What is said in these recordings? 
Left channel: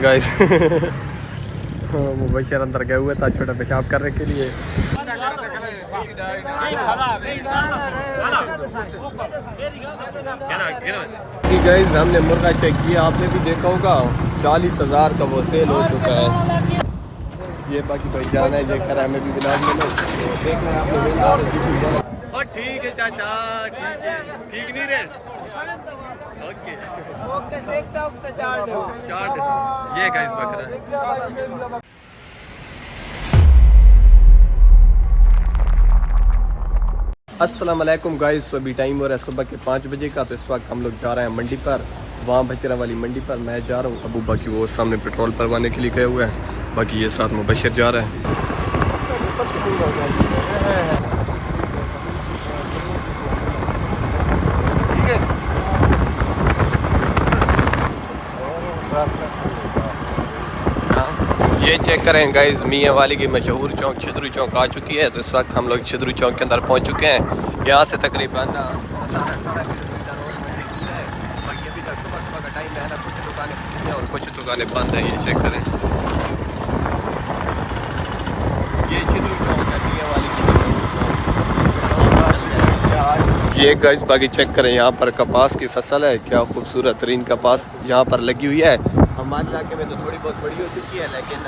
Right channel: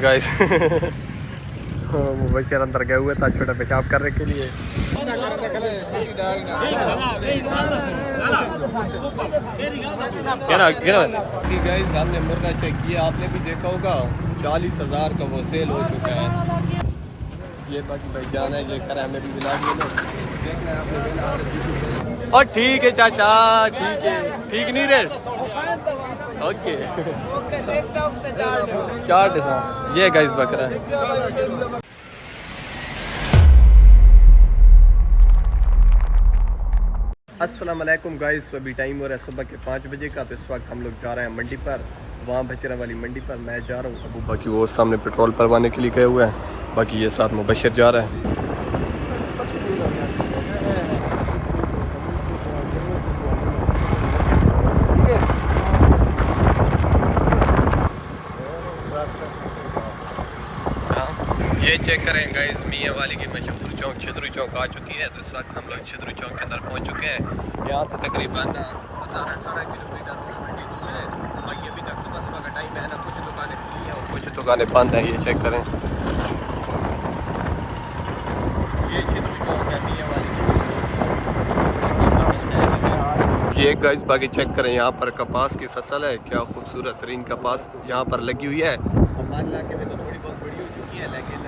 Guys Mubashar अंदर गए हुए था छोटा पेशाब करने के लिए। गाइस हमने मुर्गा चेक किया, आपने भी देखा होगा 40,000 का वो सेल हो चुका है। ये बाकी भाई जाना है, ये करा हमें भी ब्लॉग में लो तो देखना है आपने। और ठीक है चाचा, ठीक है, ठीक नहीं रे, ओके 4 ये गाइस बकरा है। अस्सलाम वालेकुम गाइस, तो अभी टाइम हो रहा है सुबह के 5 बजे का। तो इस वक्त हम लोग जा रहे हैं मंडी पर, वहाँ बचरा वाली मंडी पर मैं जा रहा हूँ। अबू बाकी वो सामने पेट्रोल भरवाने के लिए गए हुए हैं, बाकी ये साथ मुबशर जा रहा है। ये चेक करें गाइस, मियाँ वाली की मशहूर चौक छिदरू चौक आ चुकी है। तो इस वक्त हम लोग छिदरू चौक के अंदर पहुंच चुके हैं। यहाँ से तकरीबन 17-18 किलोमीटर और मंडी दूर है। बाकी अभी तक सुबह सुबह का टाइम है ना, कुछ दुकानें खुली हैं और कुछ दुकानें बंद हैं। ये चेक करें, ये छिदरू चौक है मियाँ वाली की मशहूर चौक। ये गाइस बाकी चेक करें, यहाँ पर कपास की फसल है, क्या खूबसूरत तरीन कपास यहाँ पर लगी हुई है। हमारे इलाके में तो थोड़ी बहुत बड़ी हो चुकी है, लेकिन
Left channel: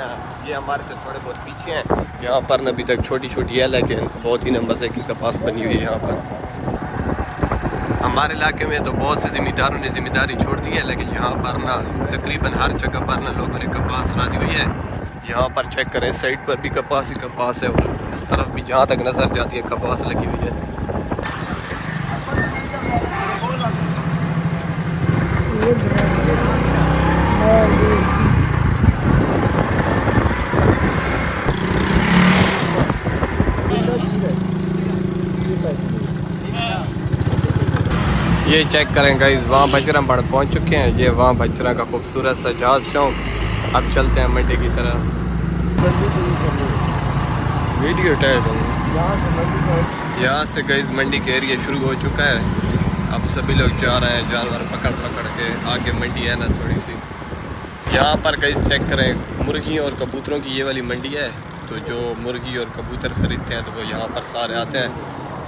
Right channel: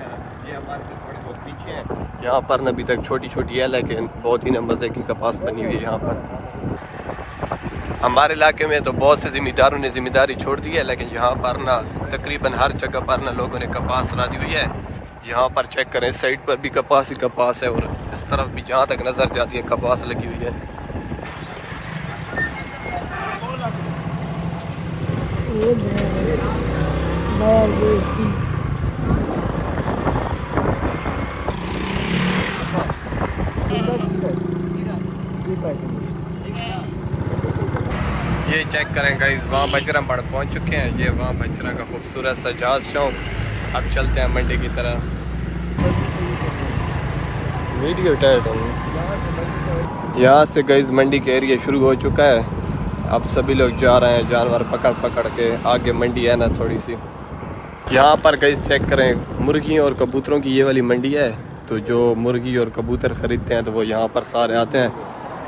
ये हमारे से थोड़े बहुत पीछे हैं। यहाँ पर अभी तक छोटी छोटी है, लेकिन बहुत ही मज़े की कपास बनी हुई है यहाँ पर। हमारे इलाके में तो बहुत से ज़िम्मेदारों ने ज़िम्मेदारी छोड़ दी है, लेकिन यहाँ पर ना तकरीबन हर जगह पर ना लोगों ने कपास राजी हुई है। यहाँ पर चेक करें, इस साइड पर भी कपास ही कपास है और इस तरफ भी जहाँ तक नज़र जाती है कपास लगी हुई है। ये चेक करें गाइस, वहाँ बजरा पड़ पहुँच चुके हैं। ये वहाँ बजरा का खूबसूरत सा जहाज चौक। अब चलते हैं मंडी की तरह। वीडियो टाइट हो, यहाँ से गाइस मंडी का एरिया शुरू हो चुका है। अब सभी लोग जा रहे हैं जानवर पकड़ पकड़ के। आगे मंडी है ना थोड़ी सी। यहाँ पर गाइस चेक करें, मुर्गियों और कबूतरों की ये वाली मंडी है। तो जो मुर्गी और कबूतर ख़रीदते हैं तो वो यहाँ पर सारे आते हैं।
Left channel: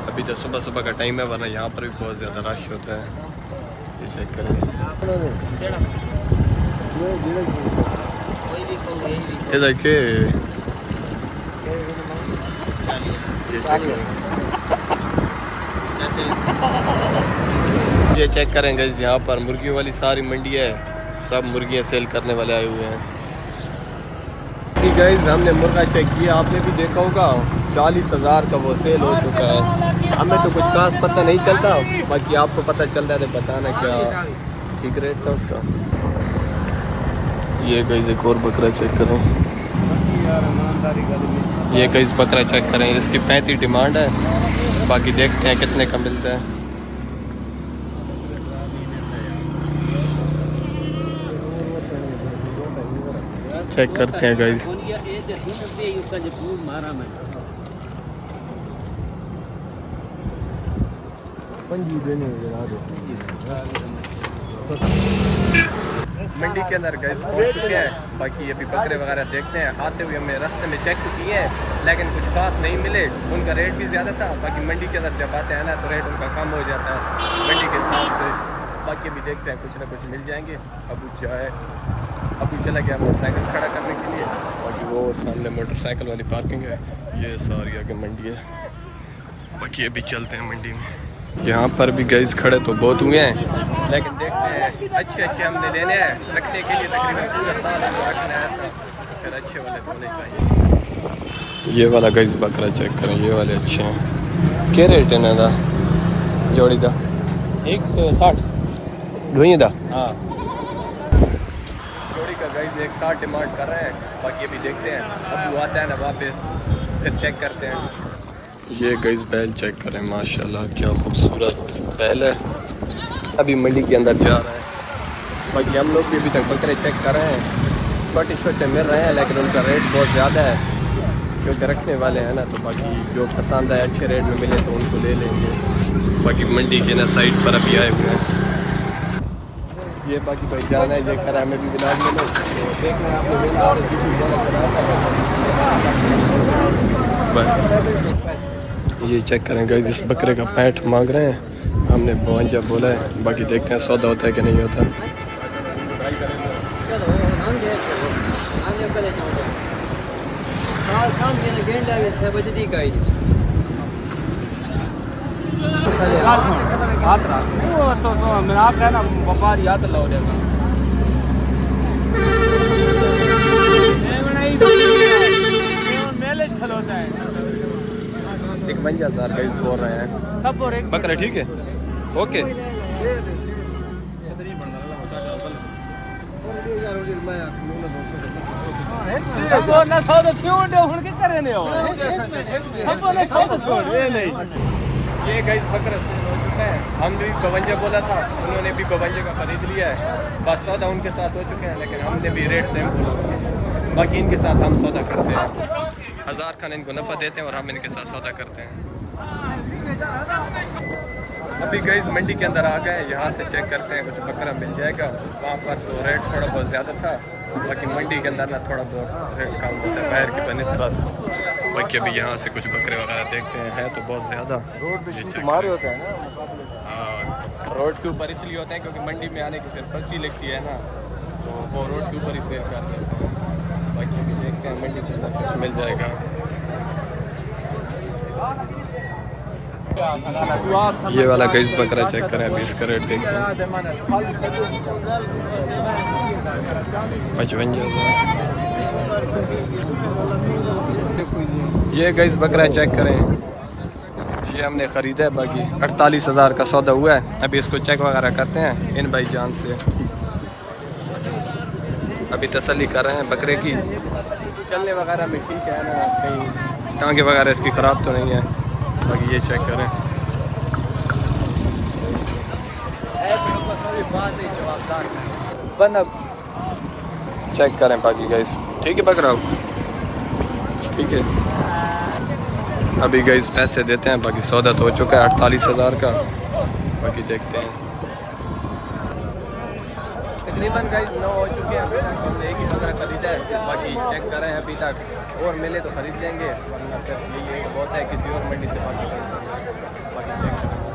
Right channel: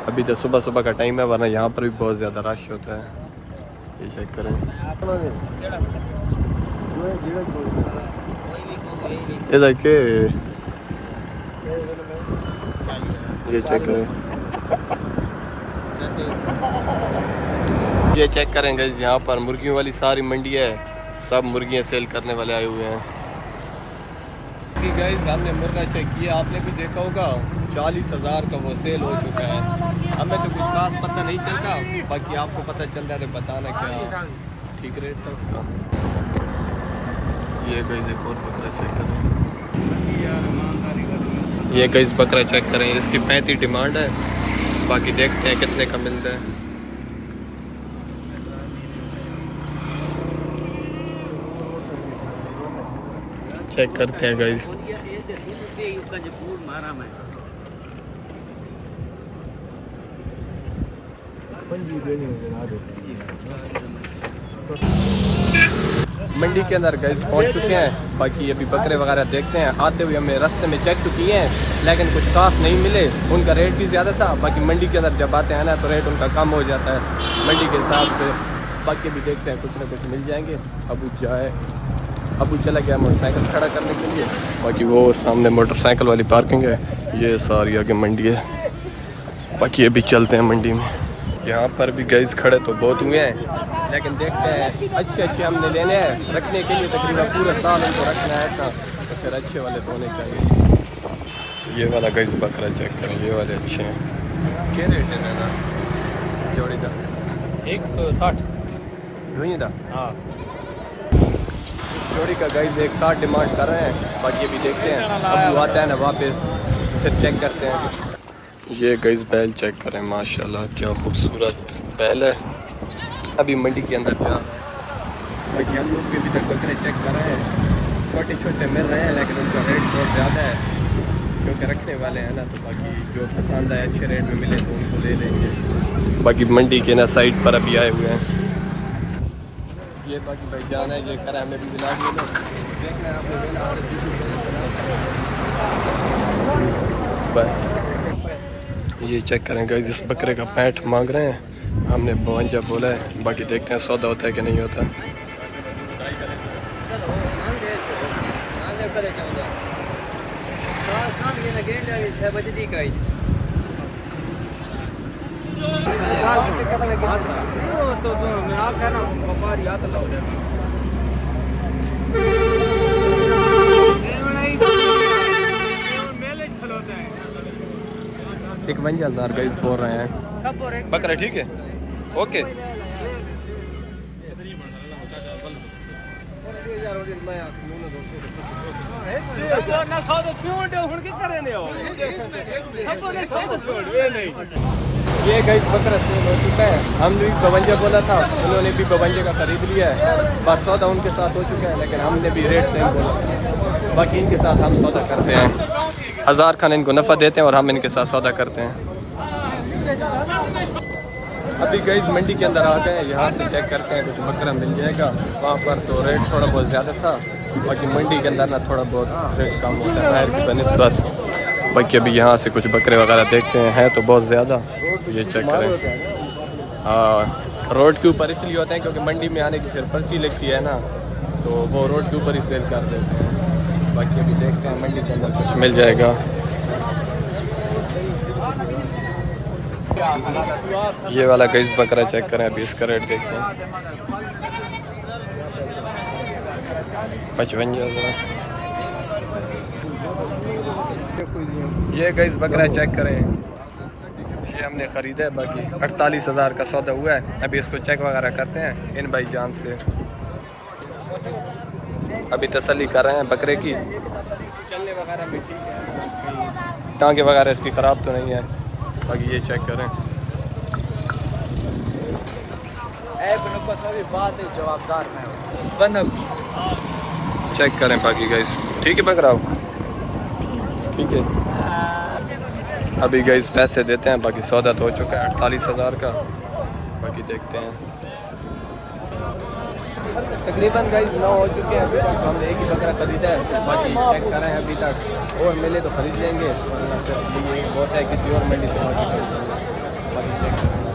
अभी तो सुबह सुबह का टाइम है, वरना यहाँ पर भी बहुत ज़्यादा रश होता है। ये चेक करें, इधर के ये चेक करें, ये चेक करें गाइस, यहाँ पर मुर्गियों वाली सारी मंडी है। सब मुर्गियाँ सेल करने वाले आए हुए हैं। गाइस हमने मुर्गा चेक किया, आपने भी देखा होगा 40,000 का वो सेल हो चुका है। हमें तो कुछ खास पता नहीं चलता, बाकी आपको पता चलता है तो बताना क्या ठीक रेट था उसका। ये गाइस एक और बकरा चेक करें, ये गाइस बकरा चेक करें, इसकी 35 डिमांड है। बाकी देखते हैं कितने का मिलता है। चेक करते हैं गाइस। मंडी के अंदर गाइस पहुंच चुके हैं। बाकी अभी बकरे वगैरह देखते हैं। आते हुए हमने रास्ते में चेक तो किए हैं, लेकिन कुछ खास नहीं मिले। उनका रेट भी ज़्यादा था। बाकी मंडी के अंदर जब आते हैं ना तो रेट उनका कम हो जाता है मंडी के हिसाब से। बाकी अभी देखते हैं, कुछ ना कुछ मिल जाएंगे। अबू चला गया मोटरसाइकिल खड़ा करने के लिए। बाकी वो सामने मोटरसाइकिल वाली पार्किंग है। ये सारी आगे मंडी है। बाकी अभी चलते हैं मंडी में। यहाँ पर भी गाइस खड़े तो बहुत हुए हैं, लेकिन देखते हैं अच्छे हमने लेने हैं रखने के लिए। तकरीबन पूरा साल उनको रखना है था, तो फिर अच्छे वाले तो होने चाहिए। ये वाला गाइस बकरा चेक करें, ये वाले अच्छे हैं। क्या रेट है ना जोड़ी का? 160 धुई दा। हाँ, जोड़ी का गाइस 160 डिमांड कर रहे हैं। बाकी अभी देखते हैं, अबू आता है ना वापस, फिर चेक करते हैं। ये गाइस बैल चेक करें, माशाल्लाह क्या खूबसूरत बैल है। अभी मंडी के अंदर जा रहा है। बाकी हम लोग भी अभी तक बकरे चेक कर रहे हैं। छोटे छोटे मिल रहे हैं, लेकिन उनका रेट बहुत ज़्यादा है क्योंकि रखने वाले हैं ना। तो बाकी जो पसंद आए अच्छे रेट में मिले तो उनको ले लेंगे। बाकी मंडी के ना साइड पर अभी आए हुए हैं। ये बाकी भाई जान है, ये करा हमें भी विलाज में लो, तो देखना है आपने वेला और ये चेक करें गाइस, इस बकरे का पैंट मांग रहे हैं, हमने 52 बोला है, बाकी देखते हैं सौदा होता है कि नहीं होता। बकरा ठीक है, ओके। ये गाइस बकरा सेल हो चुका है, हम भी 52 बोला था, उन्होंने भी 52 का खरीद लिया है, बस सौदा उनके साथ हो चुका है, लेकिन हमने भी रेट सेम बोला था, बाकी इनके साथ हम सौदा करते हैं, 1000 खान इनको नफ़ा देते हैं और हम इनके साथ सौदा करते हैं। अभी गाइस मंडी के अंदर आ गए, यहाँ से चेक करते हैं कुछ बकरा मिल जाएगा, वहाँ पर तो रेट थोड़ा बहुत ज़्यादा था, बाकी मंडी के अंदर ना थोड़ा बहुत रेट कम होता है बाहर की बनिस्बत। बाकी अभी यहाँ से कुछ बकरे वगैरह देखते हैं तो बहुत ज़्यादा, ये चेक करें। रोड के ऊपर इसलिए होता है क्योंकि मंडी में आने की फिर पर्ची लगती है ना, तो वो रोड के ऊपर ही सेल कर देते हैं। बाकी अभी देखते हैं मंडी के अंदर कुछ मिल जाएगा। ये वाला गाइस बकरा चेक करें, अभी इसका रेट देखते हैं 55,000। ये गाइस बकरा चेक करें, ये हमने ख़रीदा है, बाकी 48,000 का सौदा हुआ है। अभी इसको चेक वगैरह करते हैं इन भाई जान से, अभी तसल्ली कर रहे हैं बकरे की, चलने वगैरह में ठीक है ना, कहीं टांगे वगैरह इसकी ख़राब तो नहीं है। बाकी ये चेक करें, चेक करें बाकी गाइस, ठीक है बकरा ठीक है। अभी गाइस पैसे देते हैं, बाकी सौदा तो हो चुका है 48,000 का, बाकी देखते हैं। तकरीबन गाइस 9 हो चुके हैं अभी तक, तो हमने एक ही बकरा ख़रीदा है, बाकी चेक कर रहे हैं अभी तक, और मिले तो ख़रीद लेंगे, वरना सिर्फ यही एक बहुत है, किसी और मंडी से बाकी खरीद लेंगे। बाकी चेक करेंगे।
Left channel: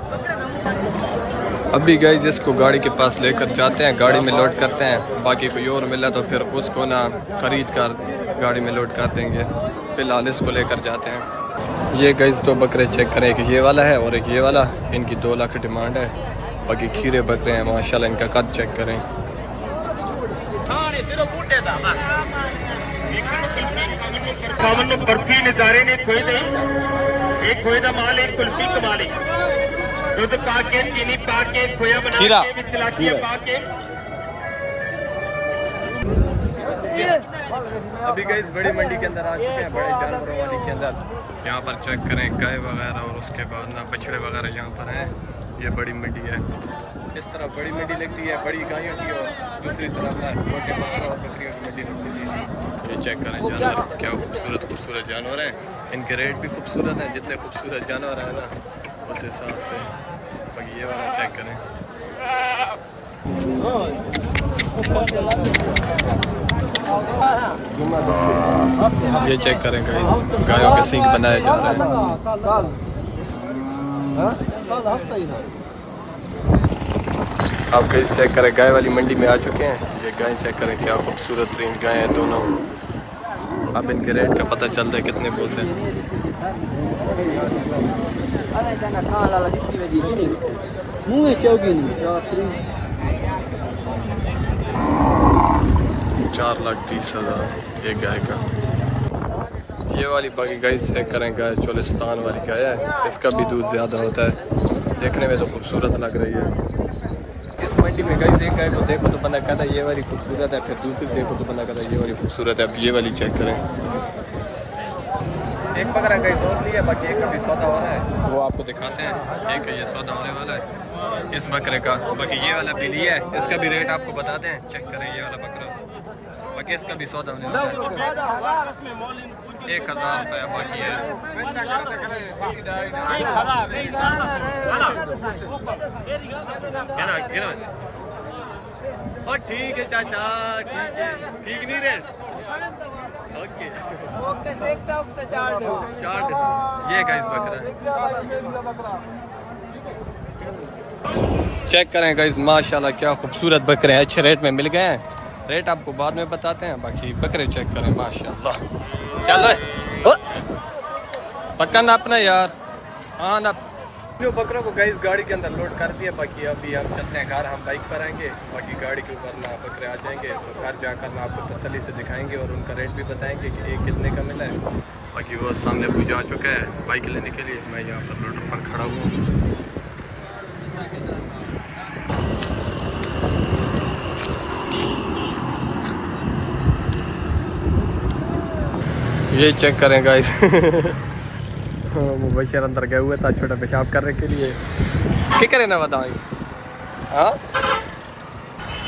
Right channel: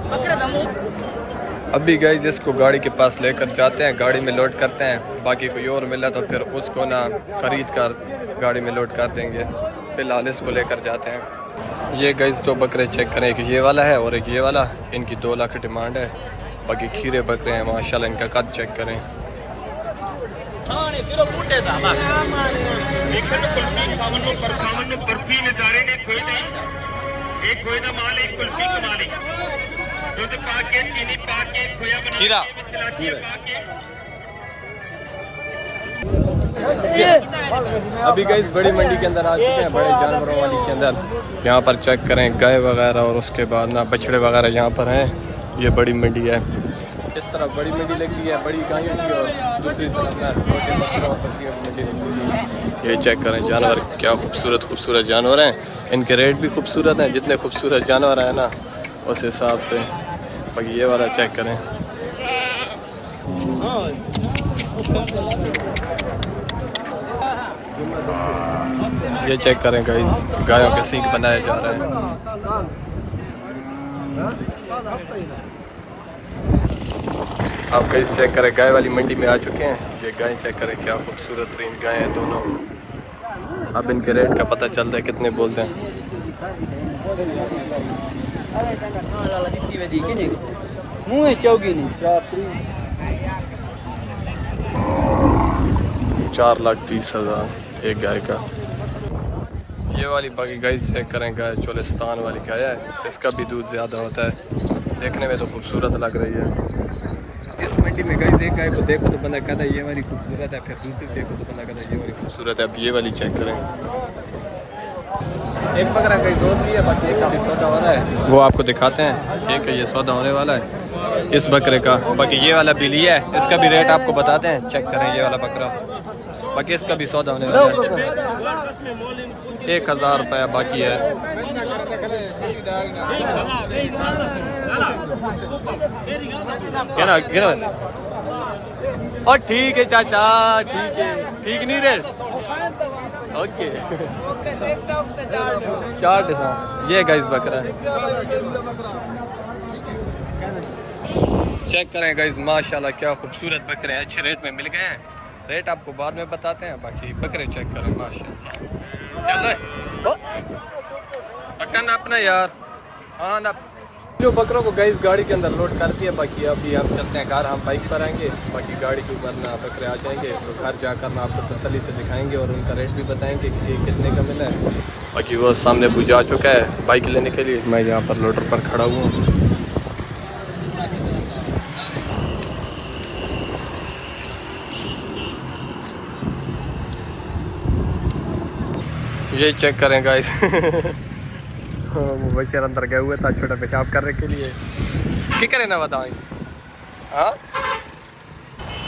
अभी गाइस इसको गाड़ी के पास लेकर जाते हैं, गाड़ी में लोड करते हैं, बाकी कोई और मिला तो फिर उसको ना ख़रीद कर गाड़ी में लोड कर देंगे। फ़िलहाल इसको लेकर जाते हैं। ये गाइस 2 बकरे चेक करें, एक ये वाला है और एक ये वाला, इनकी 2 लाख डिमांड है। बाकी खीरे बकरे हैं माशाल्लाह, इनका कद चेक करें। खीरा अभी गाइस बड़ी मंडी के अंदर आ चुके हैं, बड़े जानवरों वाली के अंदर। यहाँ पर चेक करें गाय वगैरह और उसके बाद ना बछड़े वगैरह यहाँ पर हैं। ये बड़ी मंडी है, इस तरफ बड़ी मंडी लगती है बड़ी गायों की, और दूसरी तरफ ना छोटे बकरों और बकरियों की मंडी लगती है। ये चेक करें जानवर, क्या खूबसूरत खूबसूरत जानवर हैं, इनके रेट भी खूबसूरत हैं, जितने खूबसूरत जानवर हैं ना उस हिसाब से। बाकी ये वाला चेक करें, ये चेक करें गाइस, गायों के सींग बनाए जा रहे हैं। आप गाइस चेक करें, गाय वाली मंडी में आ चुके हैं। ये गाय चेक करें, क्या खूबसूरत तरीन गाय हैं दोनों। अब इनके रेट का पता चलता है कितने बोलते हैं। 4,30,000 एक गाय का। ये वाली बाकी गाय चेक करें, गाय चोलिस्तान वाली गाय है, इसका भी दूध ज़्यादा होता है, देखने में तो खूबसूरत लग रही है। इस मंडी में गाय एक गाय को देखो तो बंदा कहता है ये वाली खूबसूरत है, फिर दूसरी देखो तो बंदा कहता है ये वाली खूबसूरत है। अब ये वाली चेक करें, एक बकरा गाय और लिया, बाकी एक अभी सौदा हो रहा है, वो आपको दिखाते हैं। एक है ये सौदा होने वाला है इस बकरे का, बाकी ये वाला भी लिया है, इसका भी रेट आपको बताते हैं। चेक करें ये वाला बकरा, बाकी इसका भी सौदा होने वाला है 1,000 रुपया बाकी है। और ठीक है चाचा, ठीक है, ठीक नहीं रेट। Okay 4 design. ये गाइस बकरा है, चेक करें गाइस, माशाल्लाह क्या खूबसूरत बकरे हैं, अच्छे रेट में मिल गए हैं। रेट आपको बाद में बताते हैं, बाकी बकरे चेक करें माशाल्लाह। चलो पक्का ना अपना यार, हाँ ना। जो बकरों को गाइस गाड़ी के अंदर लोड कर दिया, बाकी अभी हम चलते हैं घर, हम बाइक पर आएंगे, बाकी गाड़ी के ऊपर ना बकरे आ जाएंगे तो घर जाकर ना आपको तसल्ली से दिखाएंगे और उनका रेट भी बताएंगे कि एक कितने का मिला है। बाकी वो सामने वो जा चुका है बाइक लेने के लिए, मैं यहाँ पर लोडर पर खड़ा हुआ हूँ। ये चेक करें गाइस मुबशर अंदर गए हुए था छोटा पेशाब करने के लिए, क्या करें ना बताएं। हाँ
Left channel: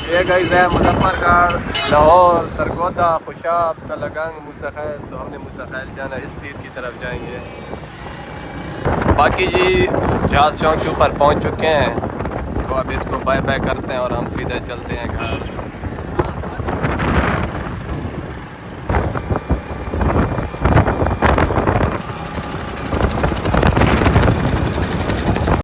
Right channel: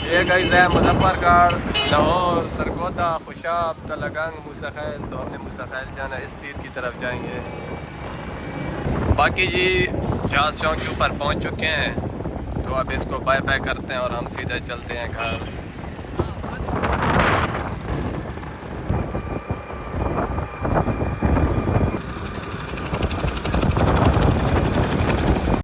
ये गाइस है मुजफ्फरगढ़, लाहौर, सरगोदा, खुशाब, तलगंग, मूसा खैल। तो हमने मूसा खैल जाना, इस तीर की तरफ जाएंगे। बाकी जी जहाज चौक के ऊपर पहुंच चुके हैं, तो अब इसको बाय बाय करते हैं और हम सीधा चलते हैं घर।